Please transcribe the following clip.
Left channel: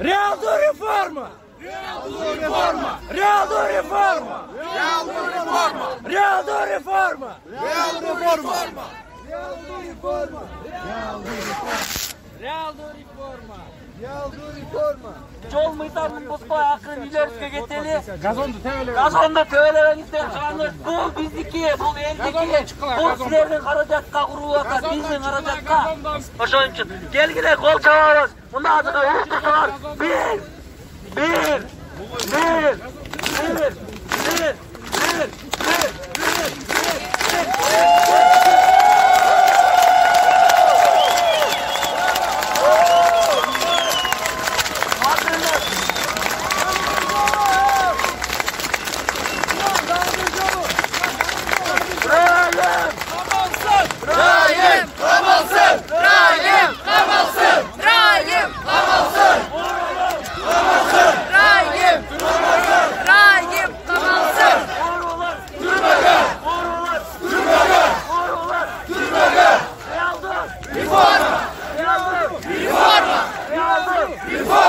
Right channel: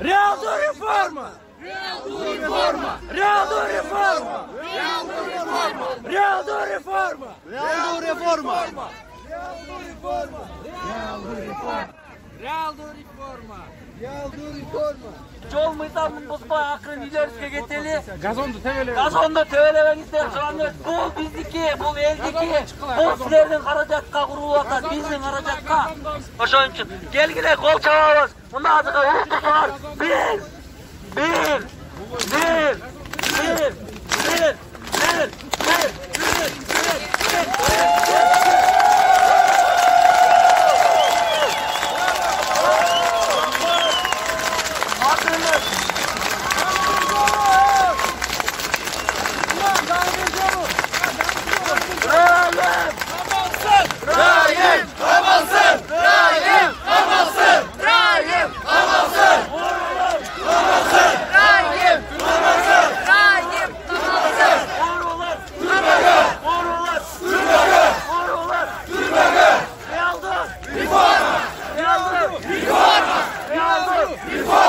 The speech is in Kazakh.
Realna reforma! Realna reforma! Realna reforma! Realna reforma! Realna reforma! Realna reforma! Realna reforma! Realna reforma! Жол мыйзамын бузбай акырын үйлөрүбүзгө кетели. Газонду tövelebe. Газонду tövelебеңиздер, чыгаңыз. Бул биздики, бул элдики. Бул силердин каражатка курулуп атат, биздин каражатка. Ошон үчүн келгиле кол чабабыз. Мына азыркы уктусуңар. Bir. Reforma!